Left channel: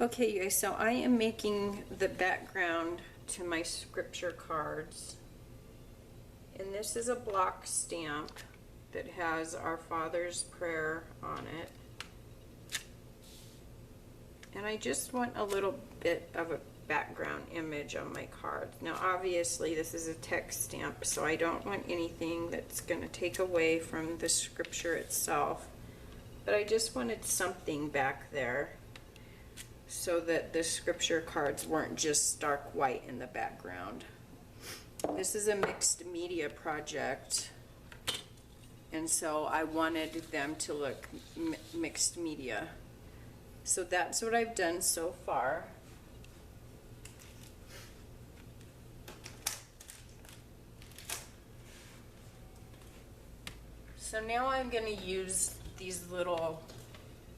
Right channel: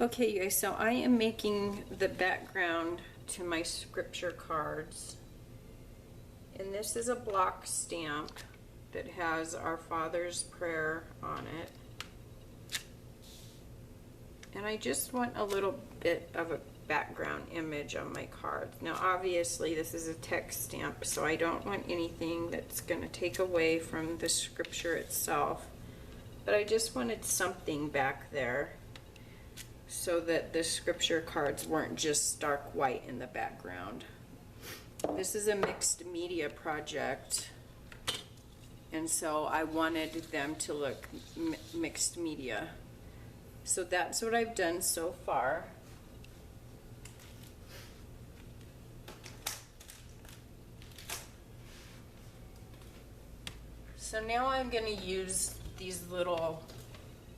Okay, you guys, so I am making the background to my scripture cards. And this is a block stamp that has our Father's Prayer on it. And I just want a little bit of a background image on my cards. Now, obviously, this is a text stamp, so I don't want anything that's going to take away from the scripture itself. But I just wanted something back there so that the scripture cards weren't just stark white in the background. This is a mixed media project, and so I wanted them to look mixed media. So that's what I've done so far. So now I'm going to use these little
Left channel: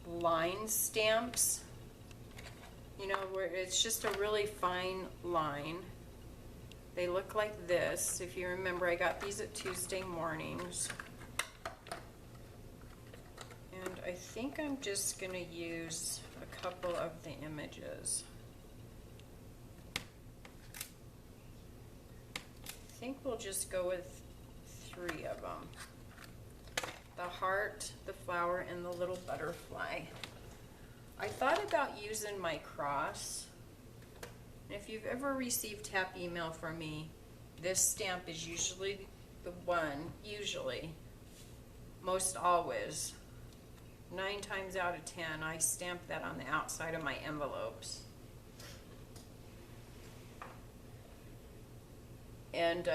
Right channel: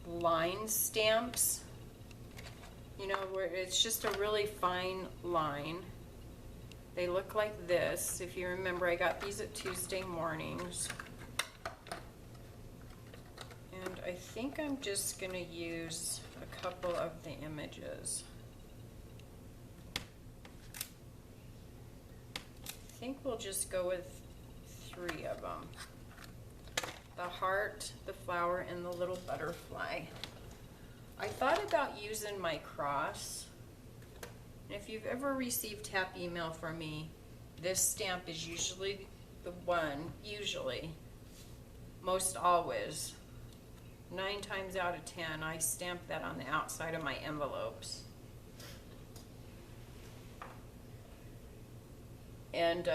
line stamps, you know, where it's just a really fine line. They look like this. If you remember, I got these at Tuesday mornings. And I think I'm just going to use a couple of the images. I think we'll just go with 3 of them. The heart, the flower, and the little butterfly. I thought about using my cross. And if you've ever received tap email from me, this stamp is usually the one, most always. 9 times out of 10, I stamp that on the outside of my envelopes. And,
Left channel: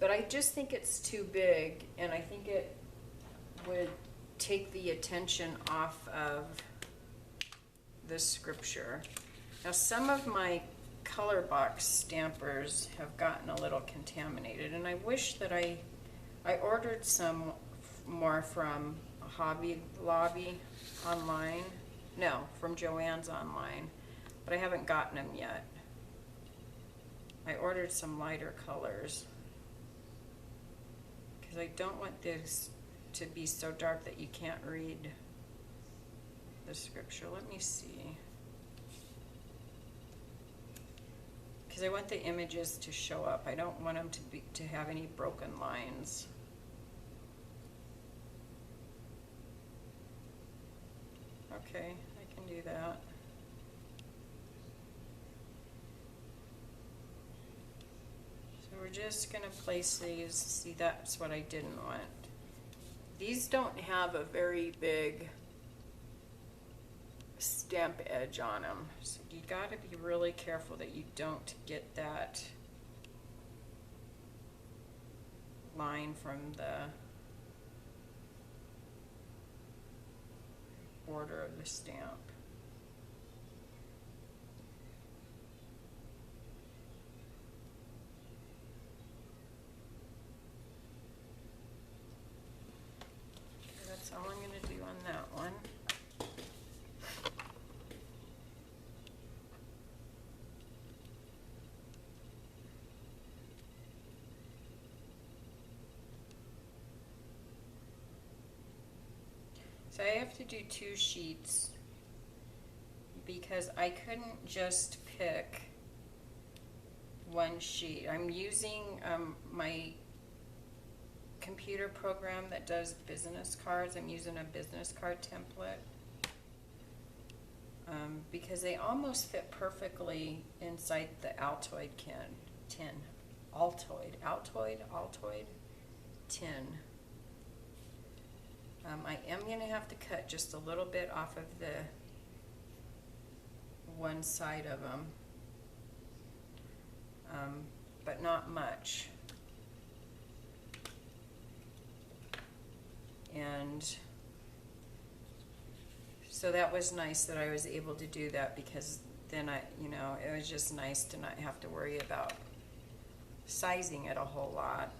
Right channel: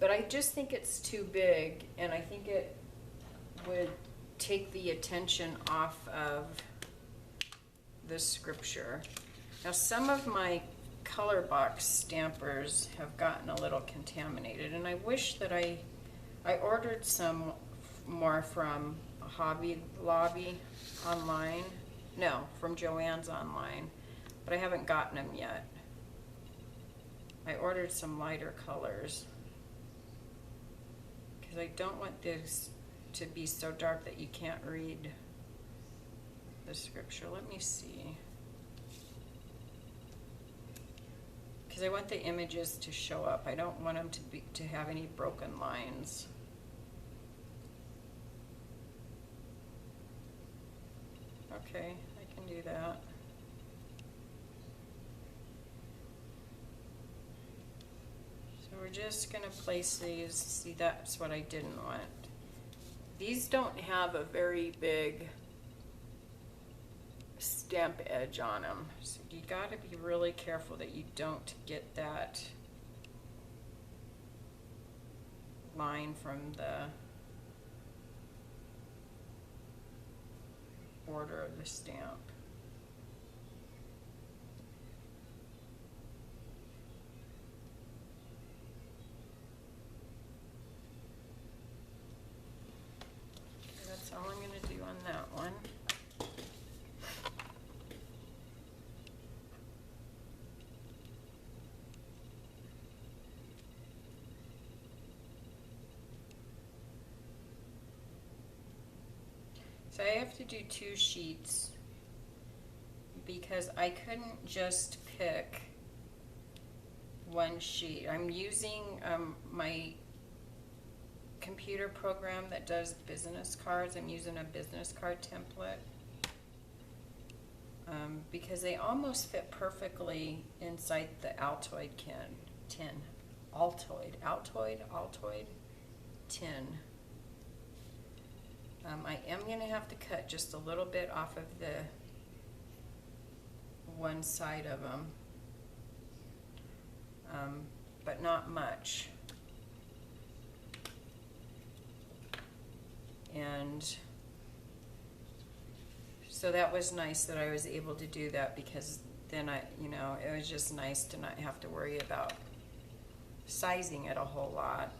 but I just think it's too big, and I think it would take the attention off of the scripture. Now, some of my color box stampers have gotten a little contaminated, and I wish that I ordered some more from Hobby Lobby online. No, from Joann's online, but I haven't gotten them yet. I ordered some lighter colors because I don't want this to be so dark that you can't read the scripture. Let me see. Because I want the images to show up. I don't want them to have any broken lines. Okay, I can do that. So we're just going to place these. See, that's what I didn't want. These don't have a very big stamp edge on them, so you got to be really careful that you don't get that line from the border of the stamp. That's all I'm going to do on that one. So I have to do 2 sheets because I couldn't just pick one sheet. I'm using my computer program that does business cards. I'm using a business card template because they almost fit perfectly inside the Altoid tin. Altoid tin. I am going to have to cut just a little bit off of the one side of them, but not much. And so that was nice that I was able to do that, because then it was just nice to not have to worry about sizing it a whole lot.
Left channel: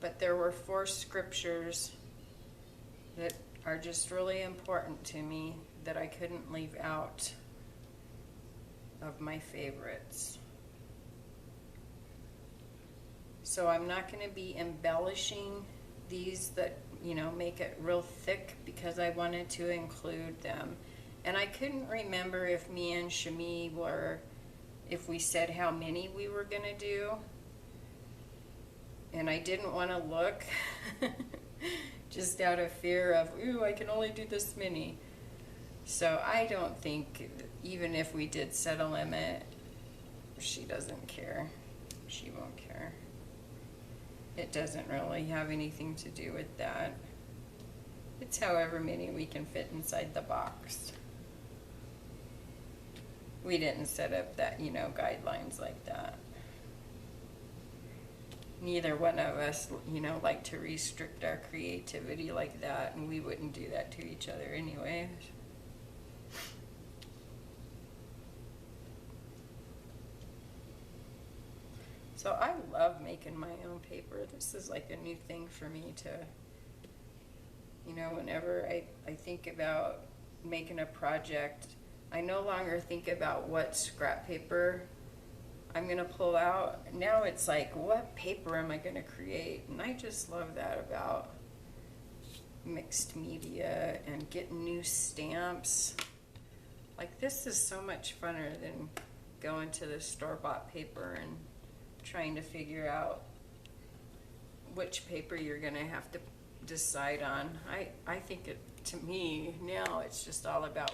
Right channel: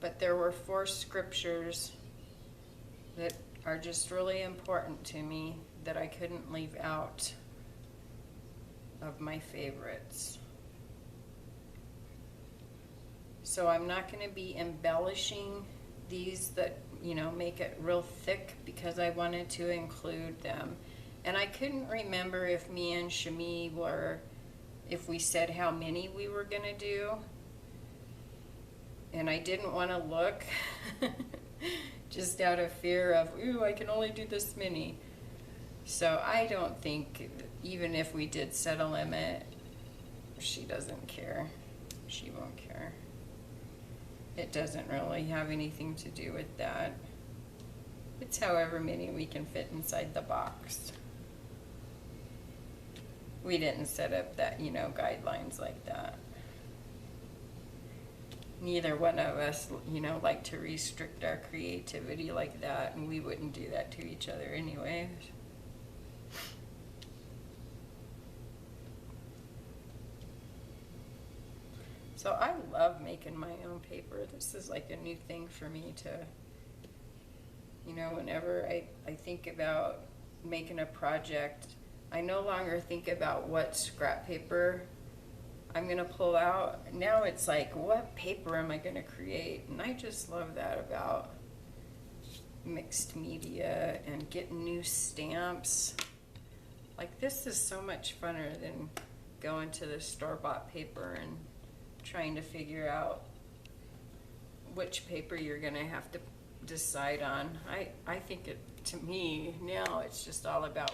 But there were 4 scriptures that are just really important to me that I couldn't leave out of my favorites. So I'm not going to be embellishing these that, you know, make it real thick because I wanted to include them. And I couldn't remember if me and Shemi were, if we said how many we were gonna do. And I didn't want to look just out of fear of, ooh, I can only do this many. So I don't think, even if we did set a limit, she doesn't care. She won't care. It doesn't really have anything to do with that. It's however many we can fit inside the box. We didn't set up that, you know, guidelines like that. Neither one of us, you know, like to restrict our creativity like that, and we wouldn't do that to each other anyway. So I love making my own paper. This is like a new thing for me to, you know, whenever I think about making a project, I no longer think about what scrap paper I'm gonna pull out. Now it's like, what paper am I gonna create? And I just love that about mixed media and getting new stamps. Like, this is so much funner than going to the store-bought paper and trying to figure out which paper you're gonna have to decide on. I think it, to me, now it's just all about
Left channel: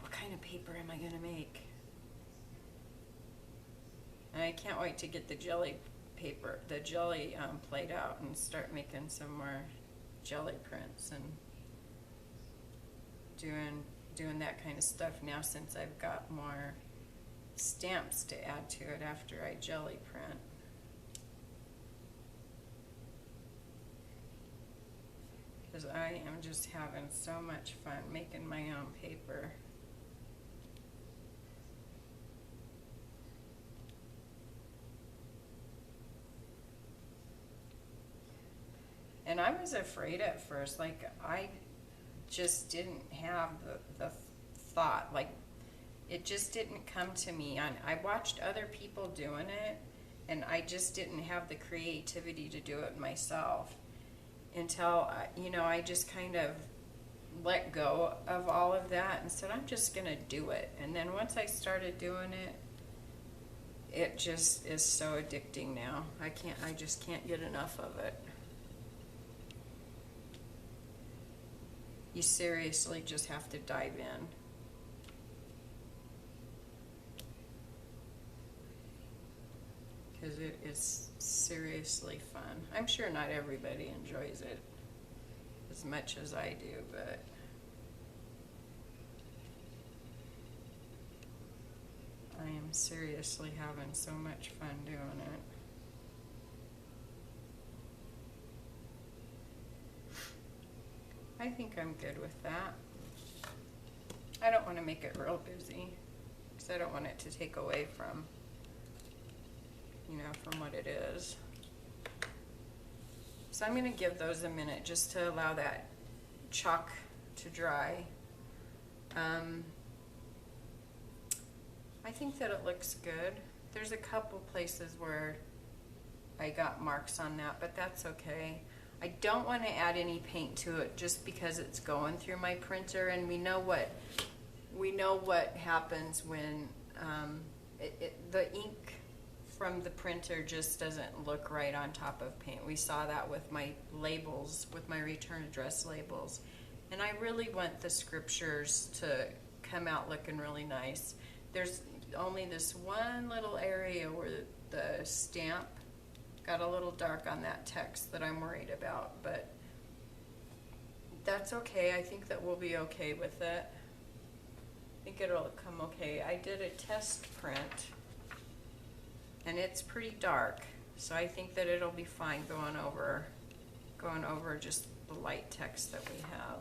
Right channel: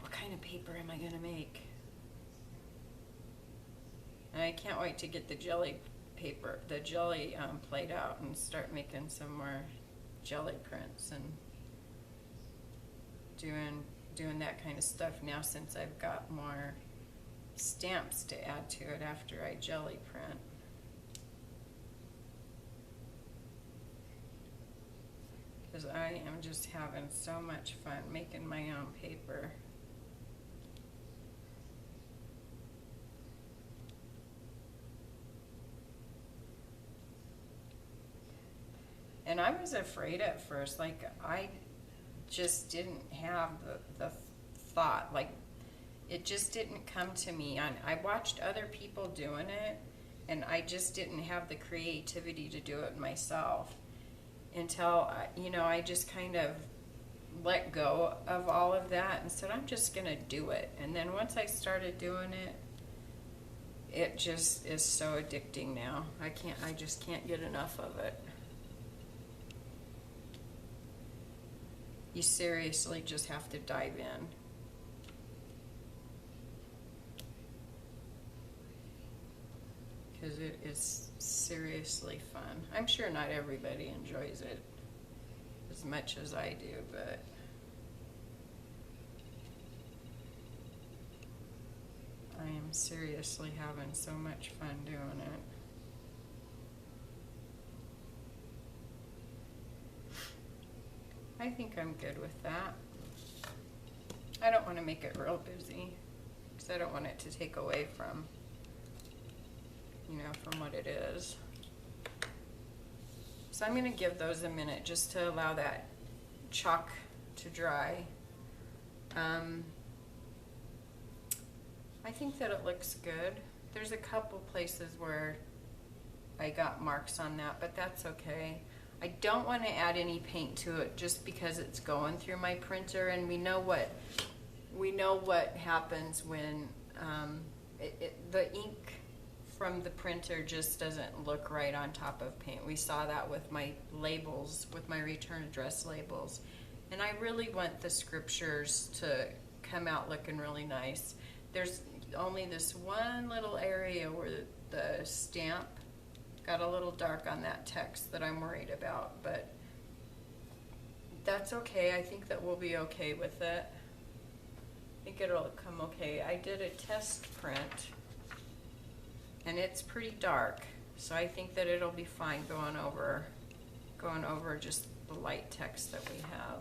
what kind of paper am I gonna make? And I can't wait to get the jelly paper, the jelly plate out and start making some more jelly prints and doing that kind of stuff now, since I've got more stamps to add to it after I jelly print. Because I am just having so much fun making my own paper. And I was afraid at first, like, I just didn't have the thought, like, it just didn't come to me. I watched other people doing it, and I just didn't have the creativity to do it myself until, you know, I just kind of let go of all of that and said, I'm just gonna do it. And then once I started doing it, it just is so addicting now. I just can't get enough of it. You seriously just have to dive in. Because it is seriously fun. I'm sure not everybody enjoys it as much as I do, but I am seriously having so much fun doing it. I think I'm good with that. I don't want to make it real busy because I don't want it to take away from, you know, from what it is. So I'm going to give those a minute just to allow that chalk to dry. I think that it looks good. There's a couple places where I got marks on that, but that's okay. I don't want to add any paint to it just because it's going through my printer, and we know what happens when the ink from the printer just doesn't look right on top of paint. We saw that with my labels, with my return address labels, and I really want the scriptures to come out looking really nice. There's only this one little area where the stamp got a little dark on that text that I'm worried about, but that's okay. I think that we'll be okay with it. I think it'll come okay. I did a test print and it's pretty dark, so I think that it'll be fine going over just the light text that we have.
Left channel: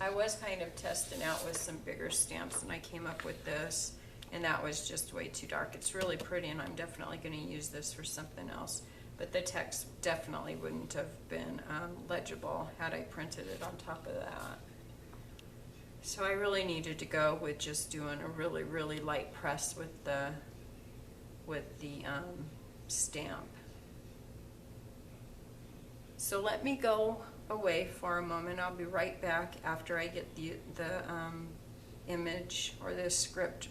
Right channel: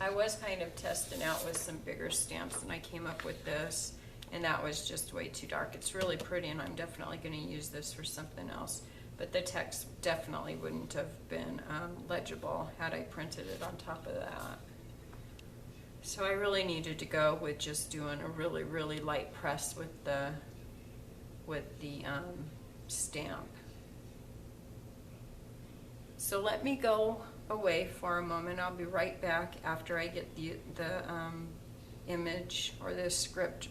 I was kind of testing out with some bigger stamps, and I came up with this, and that was just way too dark. It's really pretty, and I'm definitely going to use this for something else, but the text definitely wouldn't have been legible had I printed it on top of that. So I really needed to go with just doing a really, really light press with the stamp. So let me go away for a moment. I'll be right back after I get the image or the script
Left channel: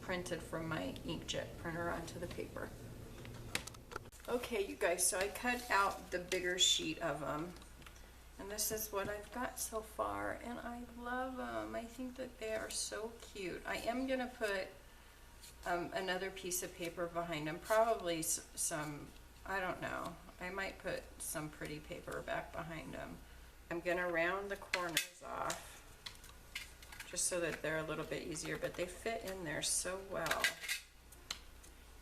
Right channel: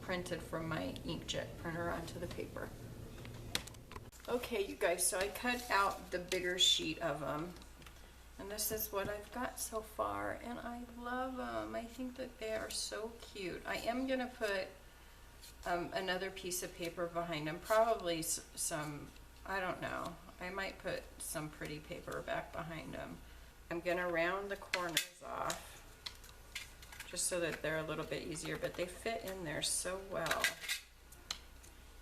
printed from my inkjet printer onto the paper. Okay, you guys, so I cut out the bigger sheet of them, and this is what I've got so far, and I love them. I think that they are so cute. I am gonna put another piece of paper behind them, probably some, I don't know, I might put some pretty paper back behind them. I'm gonna round the corners off just so that they're a little bit easier, but they fit in there so well.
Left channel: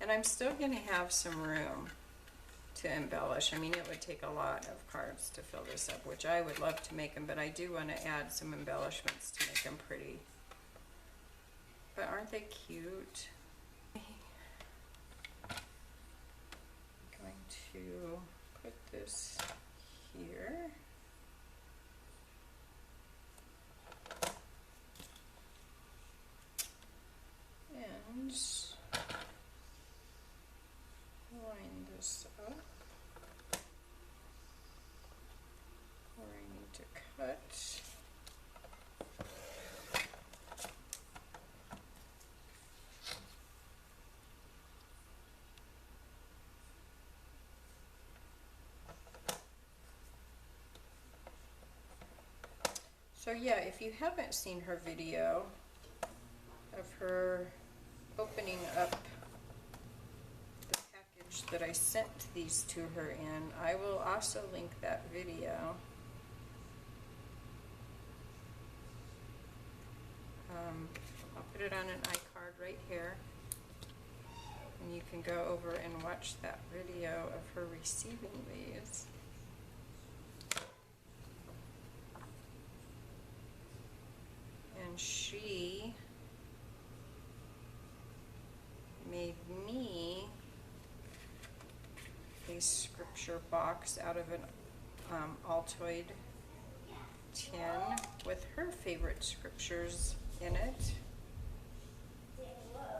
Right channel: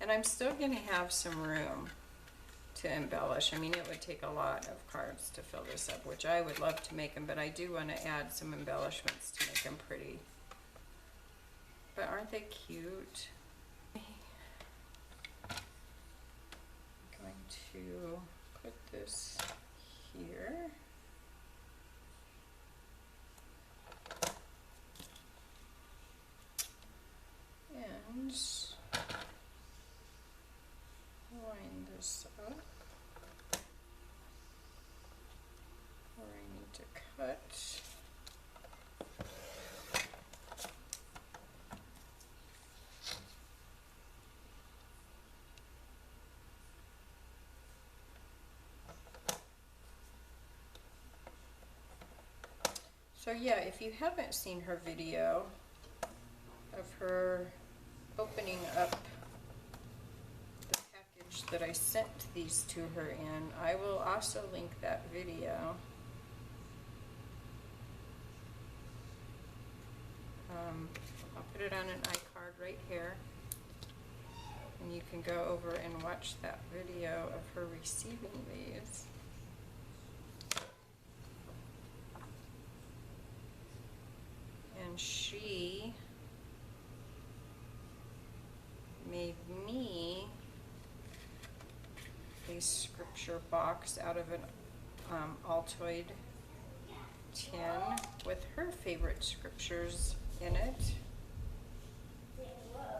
And I'm still gonna have some room to embellish. I mean, it would take a lot of cards to fill this up, which I would love to make them, but I do want to add some embellishments to make them pretty. But aren't they cute? I'm going to put this here. And line this up where I need to cut. So yeah, if you haven't seen her video of her opening up the package that I sent these to her in, I will also link that video. I'll put it on an iCard right here, and you can go over and watch that video of her receiving these. And she made me a scripture box out of an Altoid tin with her favorite scriptures in it.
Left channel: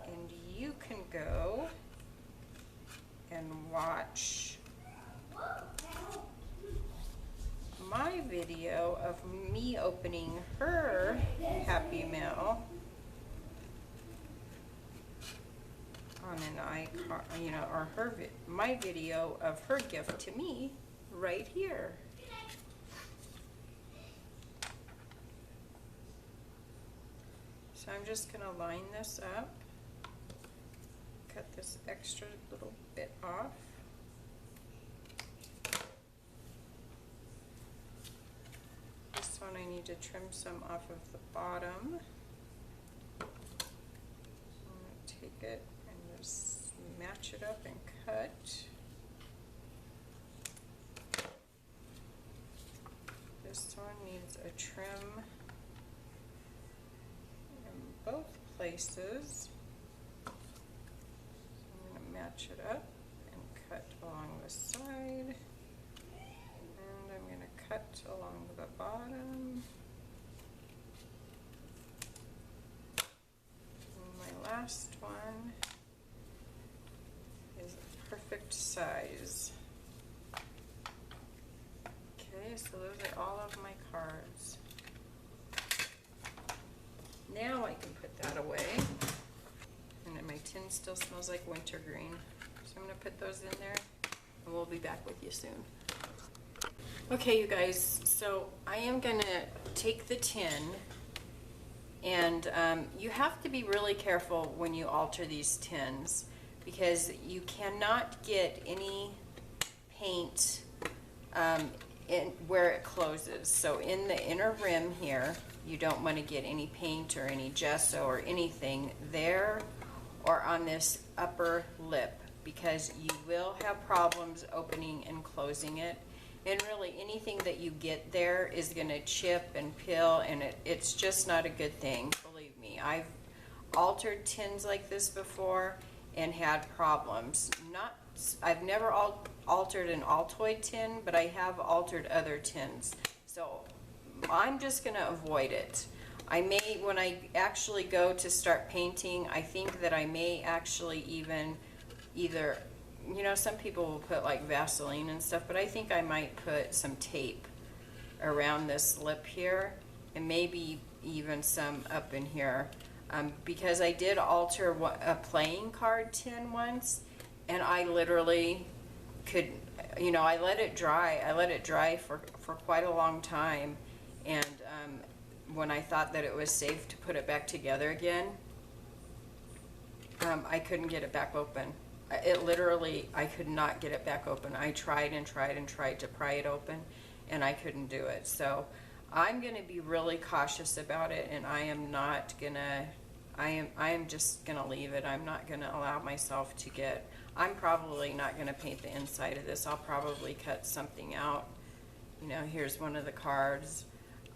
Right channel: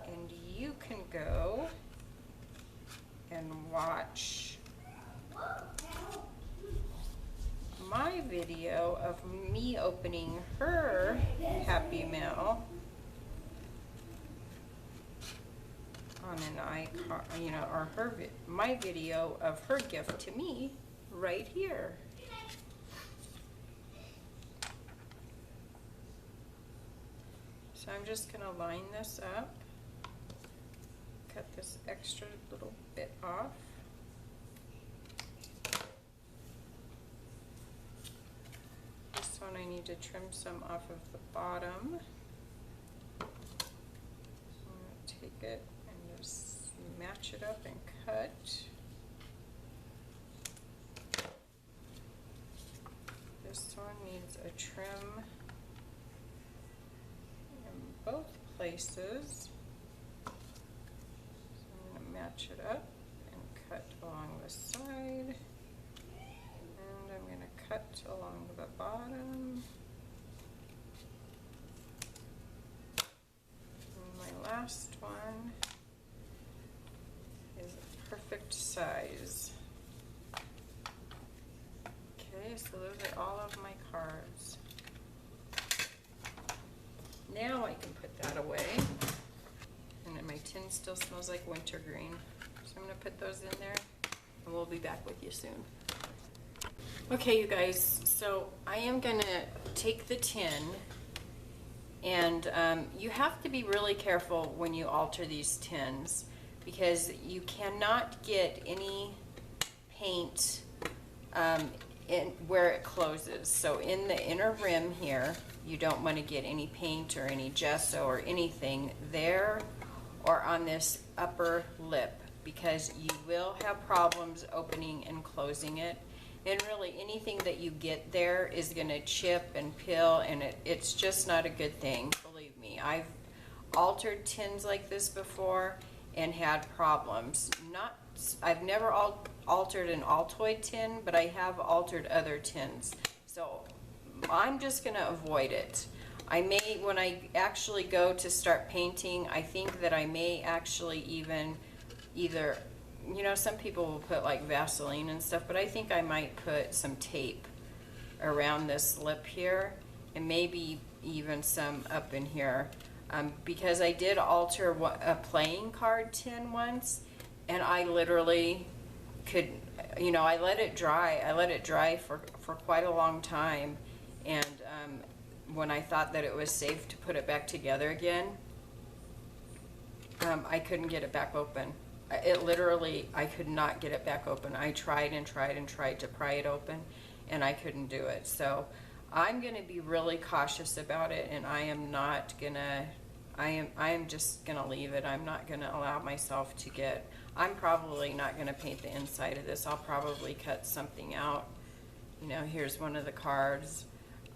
And you can go and watch my video of me opening her Happy Mail on an iCard, you know, or my video of her gift to me right here. So I'm just gonna line this up, cut this extra little bit off. This one I need to trim some off of the bottom. I'm gonna take it and just match it up and cut. This one needs a trim in both places. So I'm going to match it up and cut along the side. And I'm going to cut along the bottom. And my last one is a perfect size. Okay, so those are all of my cards. Now I can put that away. And then my tin still smells like wintergreen. So I'm gonna put those in there and we'll be back with you soon. Okay, you guys, so I am gonna take the tin, and you have to be really careful when you alter these tins because you cannot get any paint in where it closes. So in the inner rim here, you don't want to get any paint or any gesso or anything there or on this upper lip, because you will have problems opening and closing it. And really anything that you get there is going to chip and peel, and it's just not a good thing, believe me. I've altered tins like this before and had problems. I've never altered an Altoid tin, but I have altered other tins. So I'm just gonna avoid it. I may, when I actually go to start painting, I think that I may actually even either you know, some people will put like Vaseline and stuff, but I think I might put some tape around this lip here, and maybe even some up in here, because I did alter a playing card tin once, and I literally could, you know, I let it dry for quite a long time, and when I thought that it was safe to put it back together again, I couldn't get it back open. It literally, I could not get it back open. I tried and tried and tried to pry it open, and I couldn't do it. So I'm going to be really cautious about it, and I am not going to, I am just going to leave it. I'm not going to allow myself to get, I'm probably not going to paint the inside of this. I'll probably cut something out. You know, here's one of the cards.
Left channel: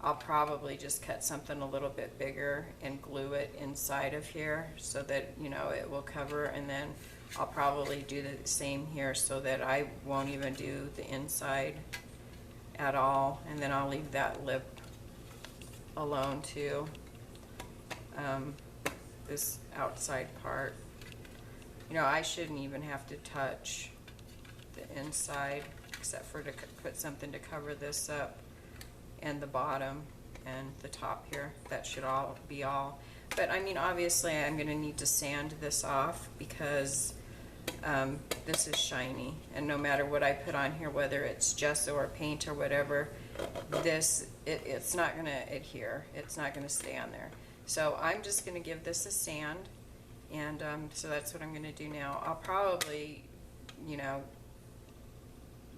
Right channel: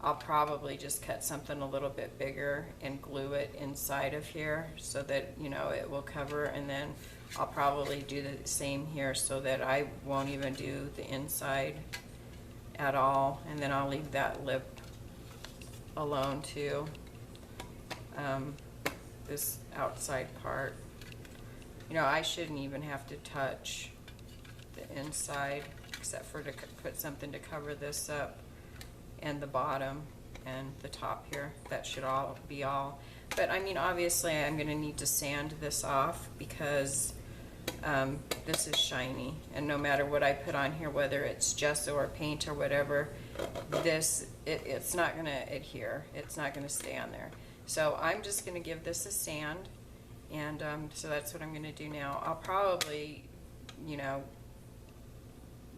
I'll probably just cut something a little bit bigger and glue it inside of here so that, you know, it will cover, and then I'll probably do the same here so that I won't even do the inside at all, and then I'll leave that lip alone too, this outside part. You know, I shouldn't even have to touch the inside except for to put something to cover this up, and the bottom and the top here. That should all be all. But I mean, obviously I'm going to need to sand this off because this is shiny, and no matter what I put on here, whether it's gesso or paint or whatever, this it's not going to adhere. It's not going to stay on there. So I'm just going to give this a sand, and so that's what I'm going to do now. I'll probably, you know,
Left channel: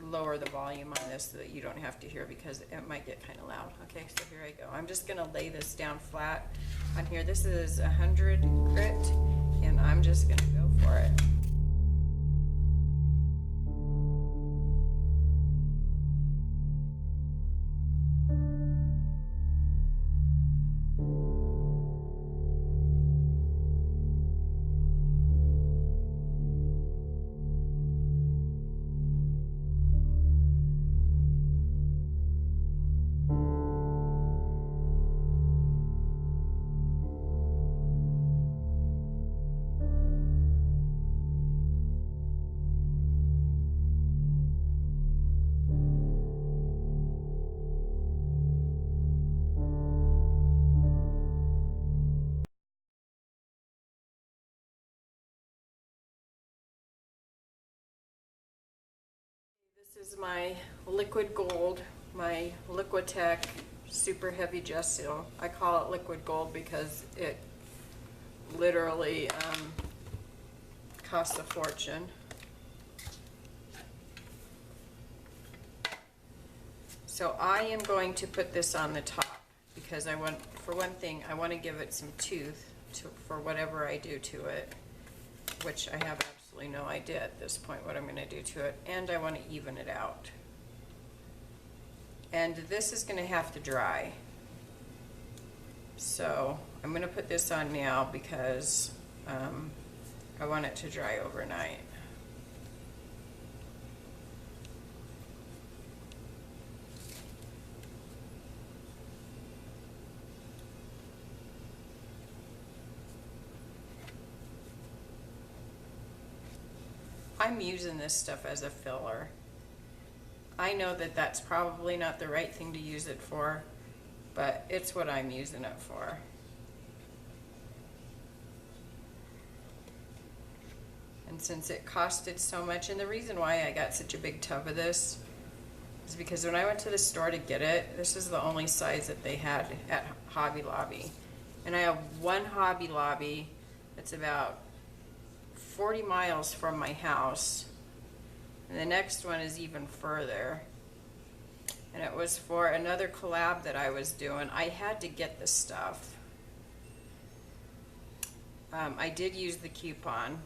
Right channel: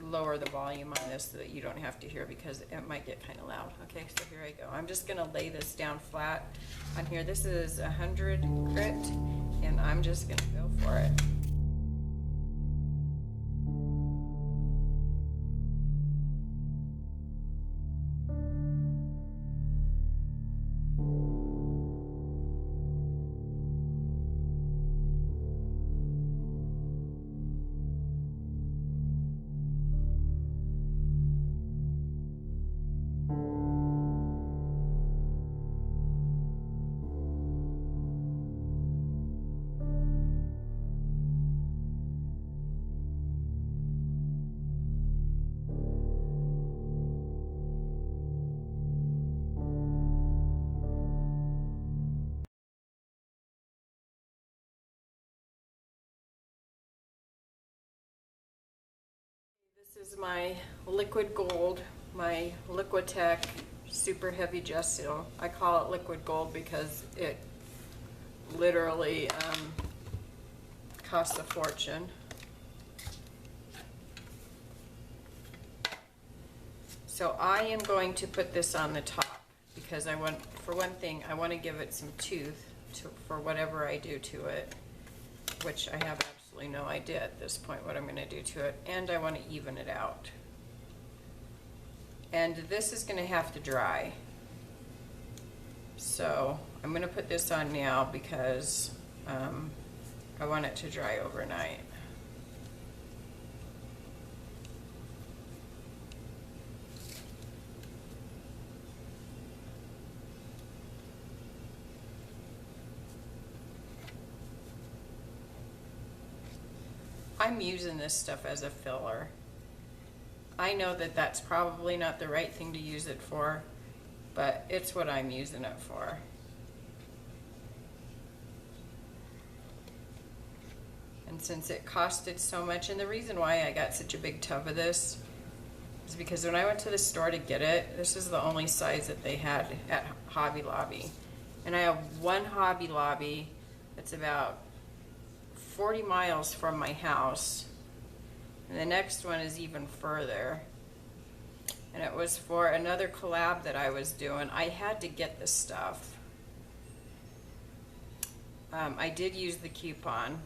lower the volume on this so that you don't have to hear, because it might get kind of loud. Okay, so here I go. I'm just going to lay this down flat on here. This is 100 grit, and I'm just going to go for it. This is my liquid gold, my Liquitech super heavy gesso. I call it liquid gold because it literally costs a fortune. So I am going to put this on the top because I want, for one thing, I want to give it some tooth for whatever I do to it, which I have absolutely no idea at this point what I'm going to do to it, and I want to even it out. And this is going to have to dry. So I'm going to put this on now because I want it to dry overnight. I'm using this stuff as a filler. I know that that's probably not the right thing to use it for, but it's what I'm using it for. And since it costed so much, and the reason why I got such a big tub of this is because when I went to the store to get it, this is the only size that they had at Hobby Lobby. And I have one Hobby Lobby that's about 40 miles from my house, and the next one is even further, and it was for another collab that I was doing. I had to get the stuff. I did use the coupon,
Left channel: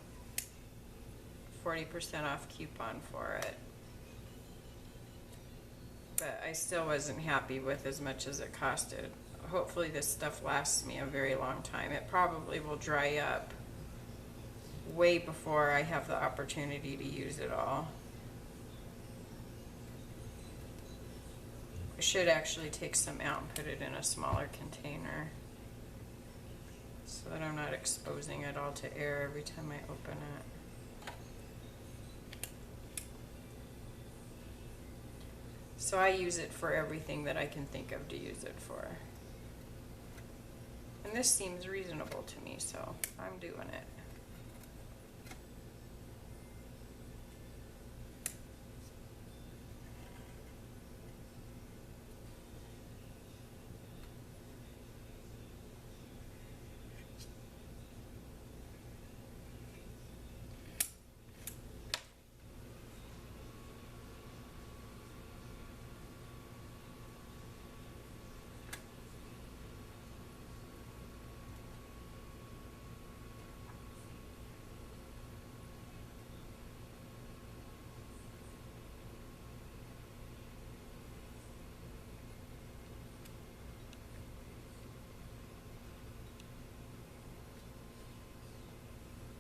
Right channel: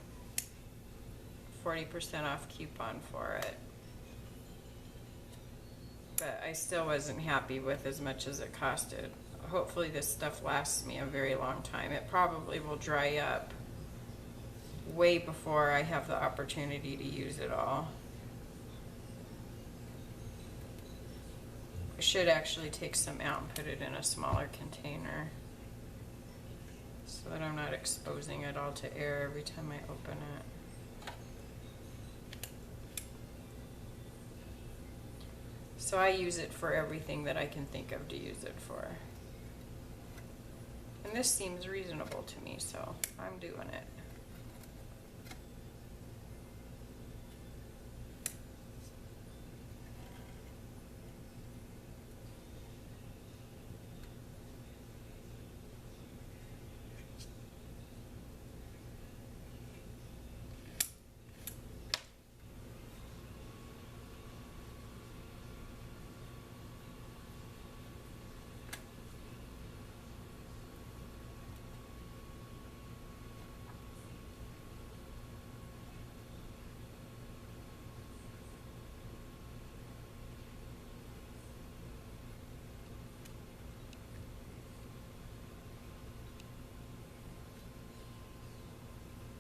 40% off coupon for it, but I still wasn't happy with as much as it costed. Hopefully this stuff lasts me a very long time. It probably will dry up way before I have the opportunity to use it all. I should actually take some out and put it in a smaller container so that I'm not exposing it all to air every time I open it. So I use it for everything that I can think of to use it for. And this seems reasonable to me, so I'm doing it.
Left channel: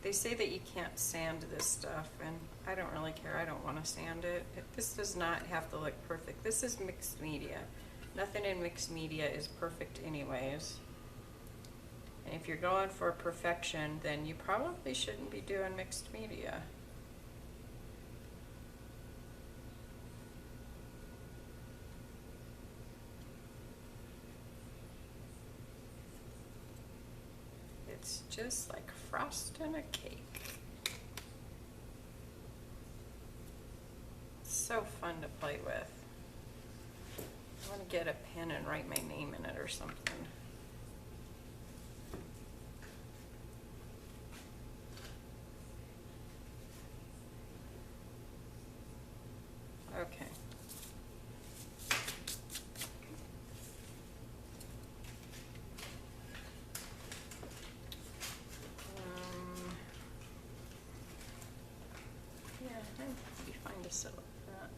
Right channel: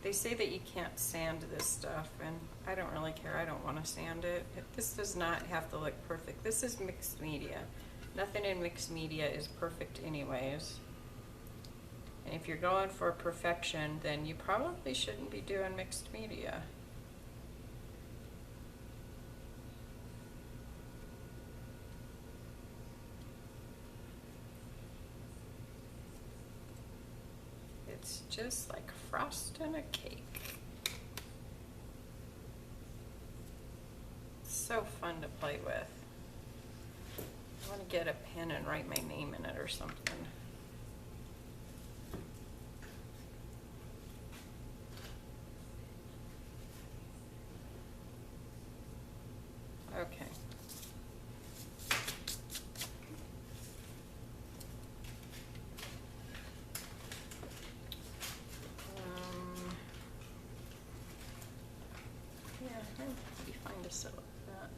They say that you can't sand this stuff, and I don't really care. I don't want to sand it. This does not have to look perfect. This is mixed media. Nothing in mixed media is perfect anyways. And if you're going for perfection, then you probably shouldn't be doing mixed media. It's just like frosting a cake. It's so fun to play with. I want to get a pen and write my name in it or something. Okay. Yeah, it'd be fine to set up that.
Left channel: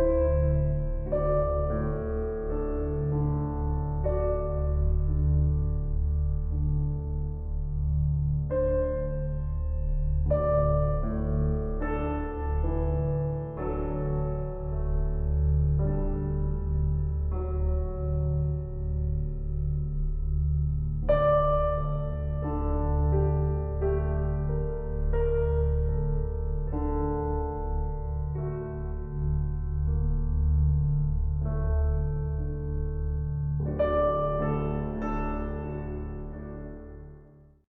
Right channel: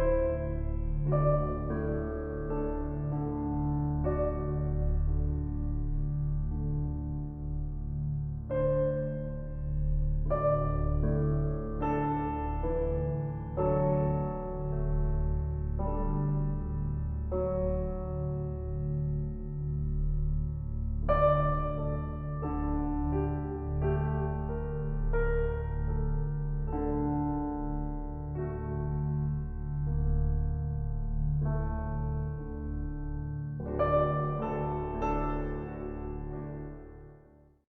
you.